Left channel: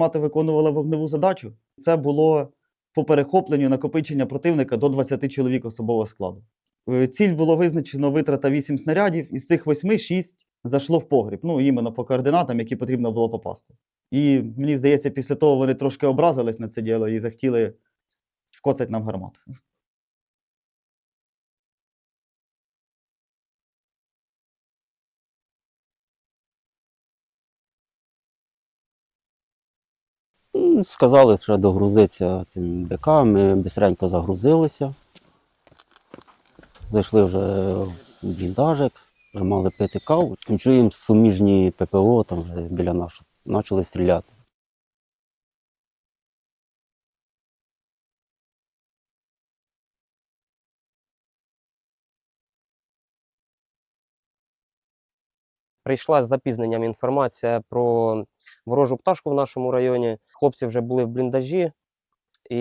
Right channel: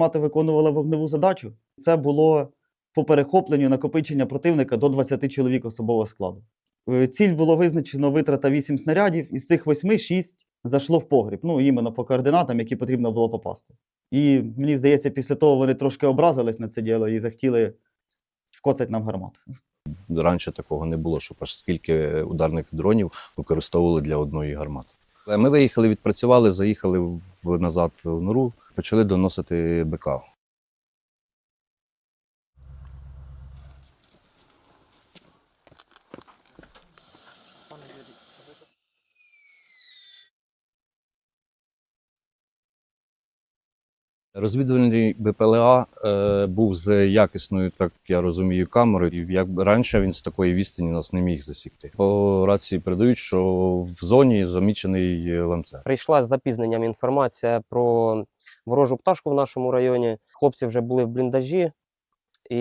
гармата виконувала вогневу задачу. Це було по перехопленню накопичення противника до 20 чоловік особового складу. Е, Ціль було визначено витрата 8 снарядів, із цих 8 6 зайшло в погріб. Ну, іменно по координатам, які потрібно було попасти. І мені здається, після того вони трошки образились на це діло і захотіли вкоцати нам гармату. Раніше такого не було, щоб аж скільки ударних дронів використовували для одної гармати. Е, Ми виїхали, відпрацювали, заїхали назад в нору, почали доносити БК. Сказали, що догрузитися цим БК, ми швидко загрузилися. Зайшли вже в бліндажик, мали пити каву. Чуємо суміжні ППО, там вже біля нас почали стріляти. Розвідувальний БПЛА е, був з якісною, так я розумію, камерою. І як раніше він з такої відстані нас не міг засікти. По рації передають, що в зоні замічений ланцер. Прийшла з запізненням інформація про ворожу пташку в нашому районі. Хлопці вже були в бліндажі, і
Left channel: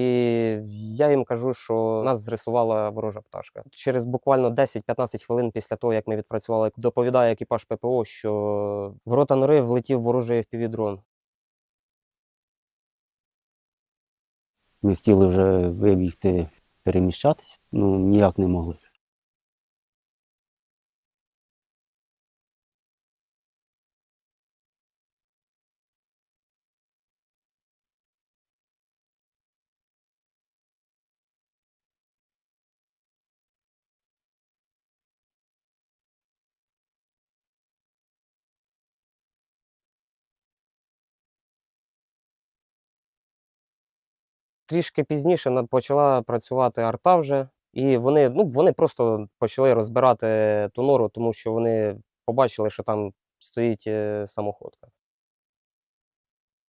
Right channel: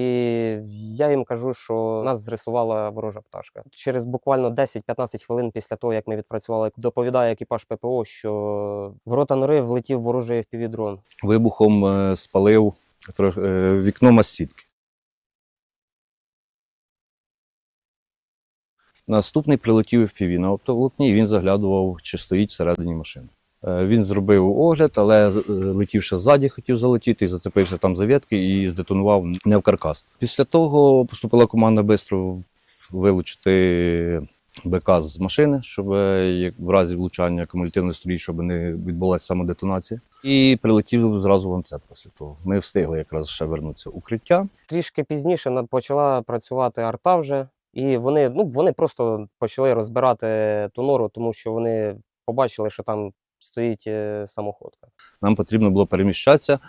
я їм кажу, що нас зрисувала ворожа пташка. Через буквально 10-15 хвилин після того, як ми відпрацювали, доповідає екіпаж ППО, що в рота нори влетів ворожий FPV-дрон. Вибухом е, спалив трох- е, вікно масітки. Ми хотіли вже вибігти, переміщатися, ну ніяк не могли. Наступний прилетів FPV на оптоволокні, і він заглядував, чи стоїть всередині машини. Е, Він зробив огляд, але е, летівши ззаді, хотів залетіти, зацепився там за ветки і здетонував не в каркас. Після того поступила команда швидко вилучити БК з машини, щоб е, в разі влучання кумулятивної стрій, щоб не відбулася самодетонація. І прилетів зразу ланцет після того. Ми встигли якраз ще вернутися укриття. Трішки пізніше почала працювати арта вже, і вони, ну, вони просто почали розбирати ту нору, тому що вони побачили, що там стоїть е, самоходка. Нам потрібно було переміщатися.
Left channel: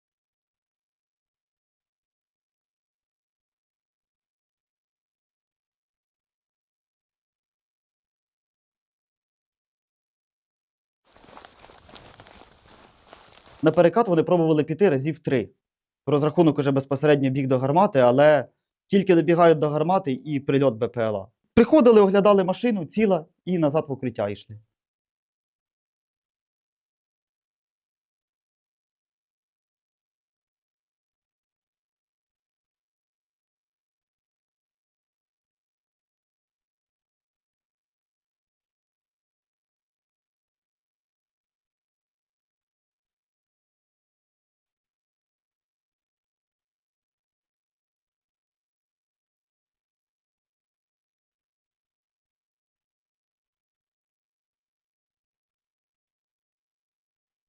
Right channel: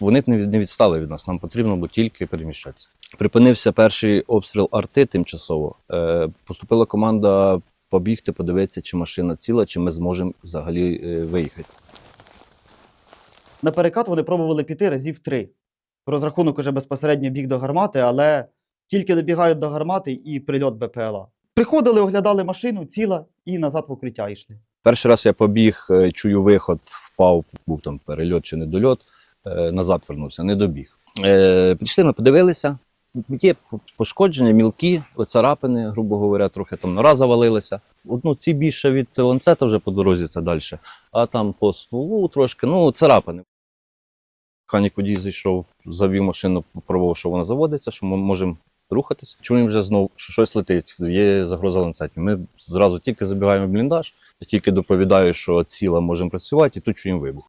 Вони б не не відстали від нас, нам потрібно було тільки переміщатися. Припинився перший обстріл арти тимчасово. Е, поступила команда побігти, подивитися, чи машина ціла, чи ми зможемо взагалі е, виїхати. На перекат вони пробували піти разів три. Розрахунок уже безпосередньо біг до гармати, але тільки добігають до гармати і прильот БПЛА. Приходили, оглядали машину, ціла, і назад в укриття йшли. Перший раз я побіг, е, чую виход, впав, був там перельот чи недольот, е, назад вернувся, не добіг. Е, Прийшли, ми подивилися. Є пошкодження, мілкі, царапини, грубо говоря, трохи там нора завалилася. Одну ці більше від ланцета вже по дорозі це далі, а там по стволу трошки, ну, царапини. Механік водій зайшов, завів машину, попробував, що вона заводиться, що ми можемо рухатись. Чуємо вже знову, що щось летить, є загроза ланцетів. Ми зразу тільки забігаємо в бліндаж, я тільки доповідаю, що ціла можемо працювати, і тут чуємо вибух.